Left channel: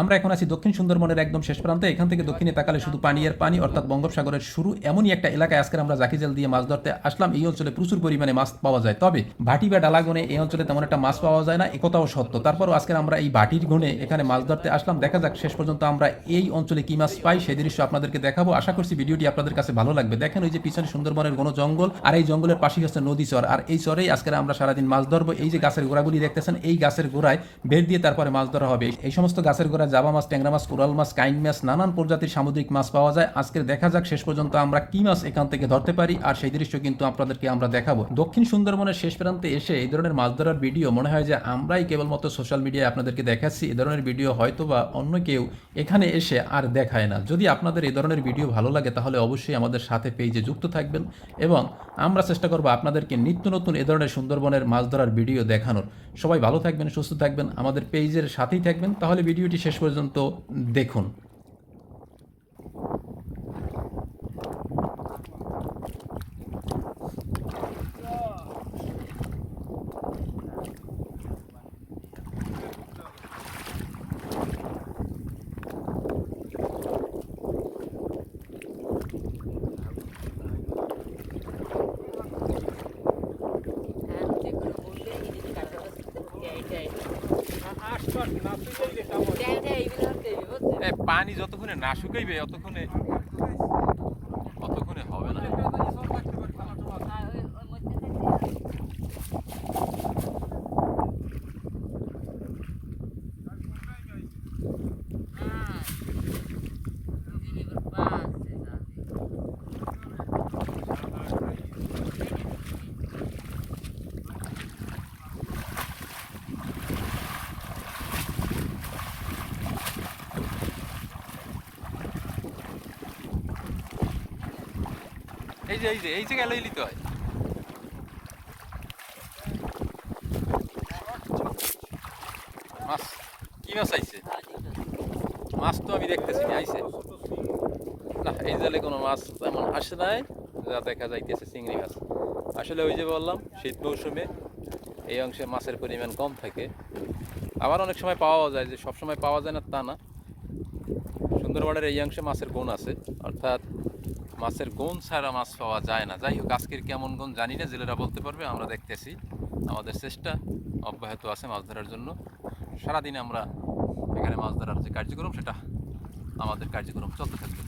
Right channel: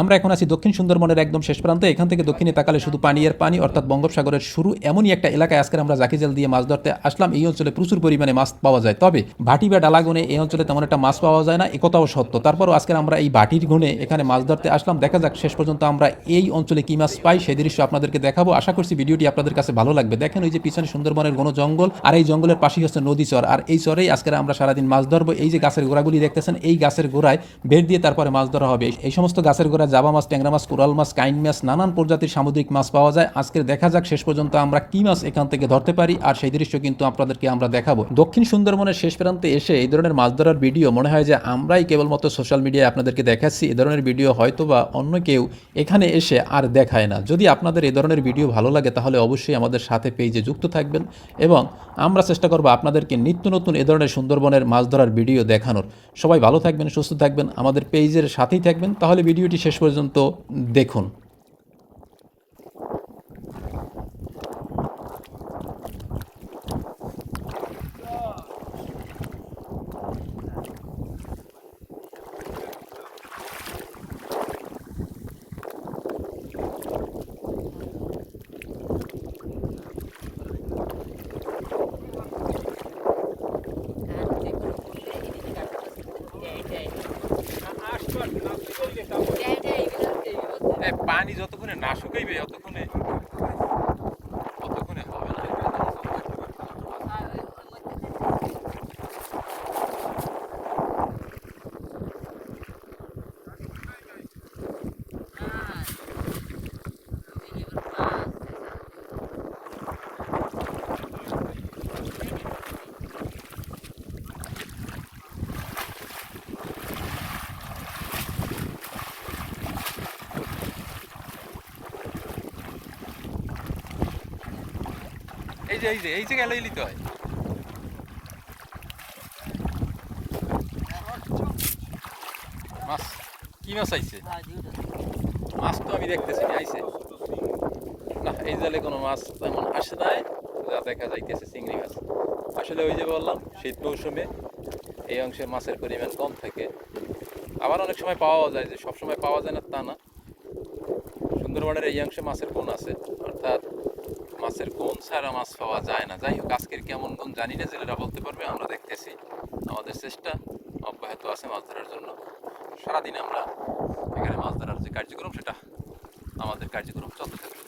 আমরা এখন আছি দক্ষিণ সুন্দরবনের একদম শেষ প্রান্তে। এখান থেকে দক্ষিণে তাকালে শুধু পানি আর পানি, অর্থাৎ বঙ্গোপসাগরের শুরু। এমনই একটা এলাকায় আজকে আমরা জাকি জাল দিয়ে মাছ ধরতে আসলাম। এই অঞ্চলে প্রচুর পরিমাণে মাছ পাওয়া যায়, তবে ভাটি বা ডালাগনে এই অঞ্চলে তেমন একটা মাছ পাওয়া যায় না, একথাও সত্য। তারপরও আজকে আমরা এই ভাটির গুণে এখানে মাছ ধরতে আসলাম। দেখা যাক শেষ পর্যন্ত আমরা এই অঞ্চলে কি মাছ পাই, সেই দৃশ্য আপনাদেরকে দেখাবো। আশা করছি ভিডিওটি আপনাদের কাছে ভালো লাগবে। দেখেন ওই যে পিছনে সুন্দরবনের ঘন জঙ্গল, আর এই জঙ্গলের পাশেই হচ্ছে নদী চর, আর এই চরেই আজকে আমরা সারাদিন মাছ ধরবো। এই যে গাছের গোড়াগুলি দেখতেছেন, এই গাছের গোড়ায় বের দিয়ে তারপরে মাছ ধরা হবে। এই সমস্ত গাছের গোড়ায় জাবা মাছ, ট্যাংরা মাছ, কোরাল মাছ, কাইন মাছ, নানান প্রজাতির সামুদ্রিক মাছ পাওয়া যায়। আজকে দেখা যাক শেষ পর্যন্ত আমরা কি মাছ এখান থেকে ধরতে পারি, আর সেই দৃশ্য কিন্তু আপনাদেরকে আমরা দেখাবো। দক্ষিণ সুন্দরবনের শেষ প্রান্তে এসে এই ধরনের মাছ ধরার ভিডিও মনে হয় যে আমরাই কেবলমাত্র সোশ্যাল মিডিয়ায় আপনাদেরকে দেখাচ্ছি। এ ধরনের ভিডিও হয়তো বা অন্য কেউ এখানে এসে আর দেখায় না। যদি আপনাদের এই ধরনের ভিডিও ভালো লাগে তাহলে অবশ্যই আমাদের সাথে পেজে যুক্ত থাকবেন, এবং আমরা চেষ্টা করবো আপনাদেরকে নিত্য নতুন এ ধরনের সুন্দরবনের মাছ ধরার ভিডিও দেখানোর। সবাই ভালো থাকবেন, সুস্থ থাকবেন, আমাদের পেজের সাথেই থাকবেন। তাহলে ভিডিওটি শেষ পর্যন্ত দেখুন। পানি যতক্ষণে না শুকাইবে ততক্ষণে হবে না। এই যে গেলেই নিতে হয়। মাছ কি মাছ আইছে? মাছ তো আমি দেখতেছি আইছে না, এই জালে কোনো মাছ তেমন আসে নাই, যা দেখা যাইতেছে চিংড়ি মাছ। আসলে ওই যে বললাম শীত মৌসুমে এই অংশে মাছের পরিমাণ কম থাকে, আবার অনেক সময় পাওয়া যায়, যে সবসময় পাওয়া যায় না তা না। সুন্দরবনের এই অংশে মাছের কোন আছে, অর্থাৎ মাছের কোন ছাড়া মাছ পাওয়া যায় না। যাই হোক, আজকের কেমন কোন জানি না, জেলেরা বলতে পারবে। আমরা দেখতেছি, আমাদের চেষ্টা অব্যাহত আছে মাছ ধরার জন্য। সারাদিন আমরা এখানে মাছ ধরার যে কার্যক্রম, সেটা আমাদের কার্যক্রম চলতে থাকবে।